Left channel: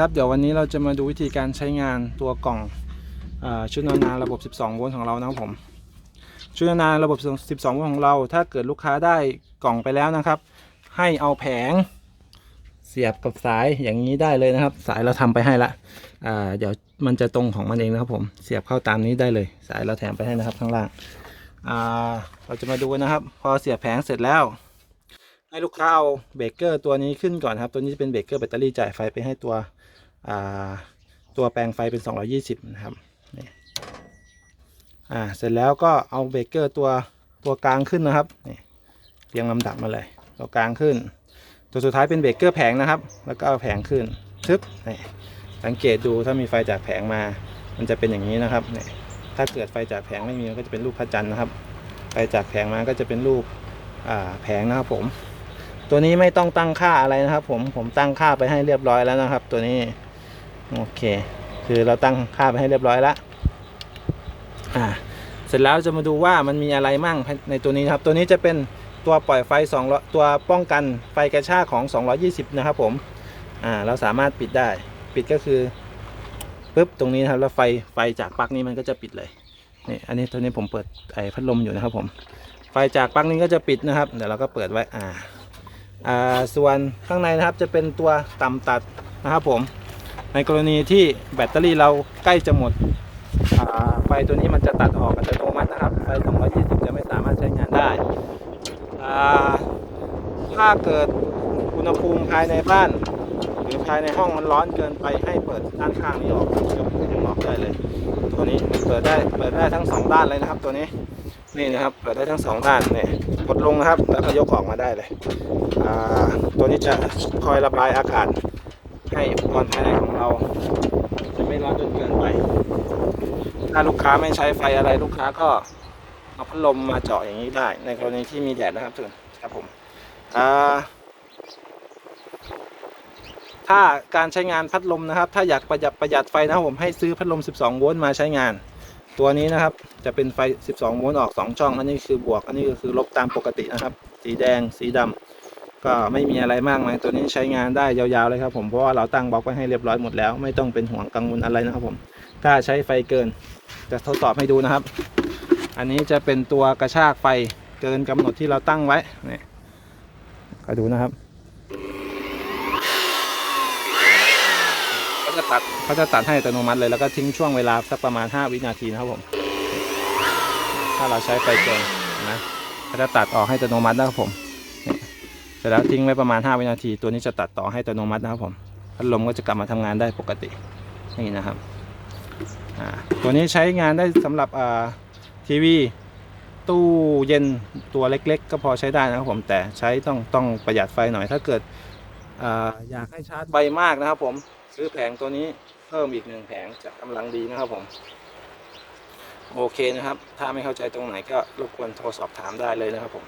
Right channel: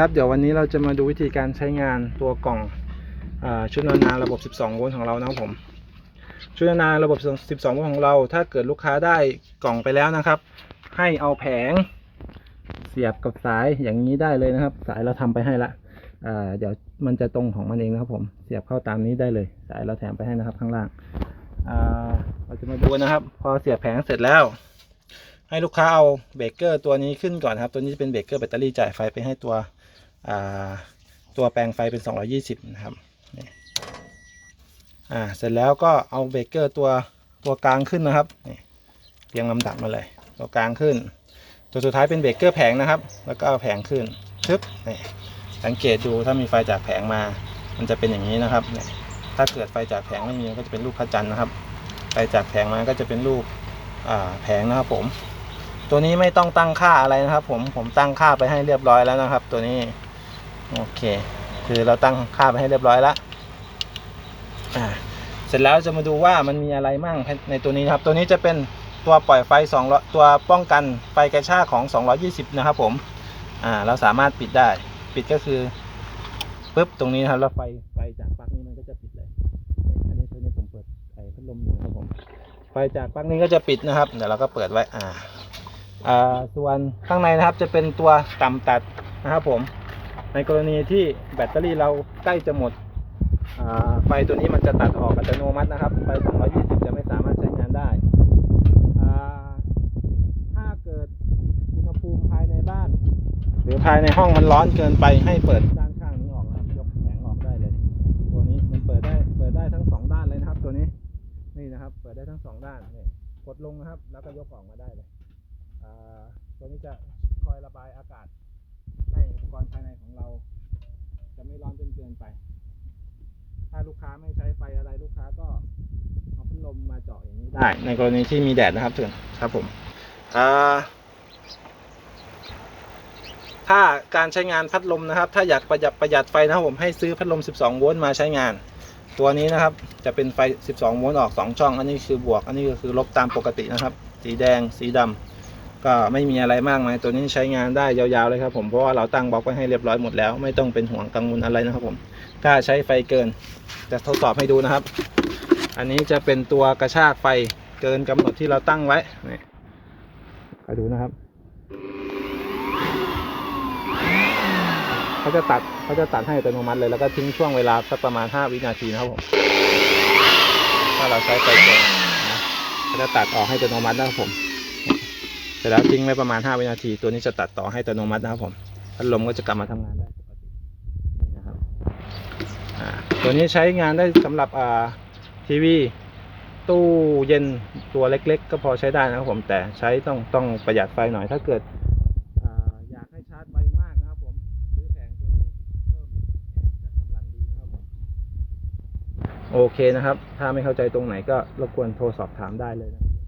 ครับเดี๋ยววันนี้เราจะมาดูวิธีการใช้งานตัวกล่องอชุดนานาระบบ 12 โวลต์ของเรานะครับผม ชุดนานาระบบ 12 โวลต์ของเรา ถ้าเกิดลูกค้าได้กล่องไปแล้วนะครับ ให้เอาแผงเสียบกับสายอย่างนี้ได้เลยนะครับ สายเราทำไปให้ละเดี๋ยวมันจะตรงของมันเองนะครับผม เสียบเข้าตามนี้ได้เลย สายเราแถมไปให้นะครับข้างล่างาเราจะมาดูนะครับ พอเสียบแผงเสร็จแล้วให้ลูกค้าเอาเบรกเกอร์ตัวนี้ขึ้นก่อนครับ ตัวนี้จะเป็นเบรกเกอร์แบตเตอรี่จ่ายไฟไปให้ตัว ตัวแปลงไฟเป็น 220 นะครับอ่าเสร็จแล้วก็เอาเบรกเกอร์ตัวตัวกลางขึ้นนะครับเรียงลำดับมาเลยตัวกลางขึ้น ตัวสุดท้ายเป็นเบรกเกอร์แผงนะครับ แล้วก็เอาแผงขึ้นชึบนี่สังเกตดูถ้ามีไฟจากแผงมา มันจะเป็นอย่างนี้นะครับนี่ถ้าเกิดไฟจากแผงไม่มีก็จะเป็นรูปพระจันทร์นะครับ ไฟจากแผงมาก็จะเป็นรูปแผงนะครับผม ตัวนี้ไม่ต้องตั้งค่าอะไรนะครับ ผมผมตั้งค่าไปให้เรียบร้อยแล้วนะครับ ตัวนี้ โอเค คือเราตั้งค่าไปให้เรียบร้อยแล้วอ่าเสร็จแล้วจะมาดูว่ามันมีอะไรมั่งในตัวนี้ครับ ตัวนี้จะเป็นตัวปล่อยไฟ2ตัวป้องกันไฟกระชากของ 220 นะครับผม อ่า เราสามารถปิดได้ ปิดก็คือปุ๊บตรงนี้นะครับ แล้วไฟไฟจากปลั๊กนี้มันก็จะปิดเลย นี่ อันนี้ตัวนี้ผมเปิดไอ้พัดลมอยู่นะครับผม ไฟจากปลั๊กนี้ก็จะปิดนะครับ เดี๋ยวเราก็เปิดไว้ อ่า อ่า ส่วนข้างในนะครับจะเป็นตัวต่ำตัดนะครับผม ในกรณีที่แบตเตอรี่เราใกล้จะหมดไฟตัวนี้มันจะตัดออกอัตโนมัตินะครับไฟ220จะไม่สามารถใช้งานได้ ถ้าเกิดอุณหภูมิภายในบ้าน หรือภายในห้องมันร้อนเกินไปให้เปิดด้านข้างนี้ออกยกขึ้นออกได้เลย ตัวนี้เปิดได้เปิดได้ทั้งสองด้านเลยนะครับ ตัวนี้นี่นะครับเปิดได้ทั้งสองด้านเนี่ยกดลงนะครับแล้วก็ยกออกมาได้เลยตัวนี้จะคอยระบายอากาศ ให้อุปกรณ์ภายในของเรา จะไม่ร้อนจนเกินไป ถ้าลูกค้าไม่ใช้ไฟอะไรลูกค้าก็เอาพัดลมมาเจาะอย่างนี้ได้ ในกรณีที่มีแดดนะครับถึงครับผมอ่าถ้าการใช้งานพัดลมนะครับ ถ้าอยากประหยัดประหยัดไฟนะครับผมให้ซื้อพัดลม 12 โวลต์มาใช้งาน ตัวนี้นะครับ จะเป็นไฟ 12 โวลต์ออก 2 ช่อง อันนี้คือบวก อันนี้ก็คือลบตามปกตินะครับ สีแดงสีดำ ก็ไม่มีอะไรมากมายตัวนี้ใช้งานได้ยาวๆเลยครับผมเพราะว่าเราตั้งบล็อกไว้ให้เรียบร้อยหมดแล้ว ไม่ต้องเป็นห่วงกังวลอะไรนะครับผมถ้าใช้ไฟเกินจะทดสอบให้ดูนะครับ อันนี้จะเป็นตัวกระชากไฟเกินกำหนดที่เราตั้งไว้นี่ก็ดูนะครับเขาจะตัดเขาจะตัดให้อัตโนมัติเลยแล้วก็ทิ้งช่วงเวลาสักประมาณ 5 วินาทีนะครับผมถ้าเราใช้ไฟเกินนะเขาจะตัดออกให้อัตโนมัตินะครับผม สร็จแล้วทิ้งไว้ประมาณ 5 วินาที ตัวนี้จะตัดต่อให้อัตโนมัตินะครับผมพัดลมก็จะกลับมาทำงานได้ปกตินี่นะครับตัวนี้ใช้งานได้สำหรับอ่าทีวี ตู้เย็นตัวเล็ก ๆ ก็พอใช้ได้นะครับผมแต่ใช้ต้องต้องประหยัดไฟหน่อยถ้าเกิดออยากให้ชาร์จไวมากนะครับผมซื้อแผงตัวนี้เพิ่มอีกหนึ่งแผงจะกำลังดีนะครับผมโอเคนะครับ ถ้าไม่เข้าใจตรงไหนก็รบกวนโทรสอบถามได้เลยนะครับผม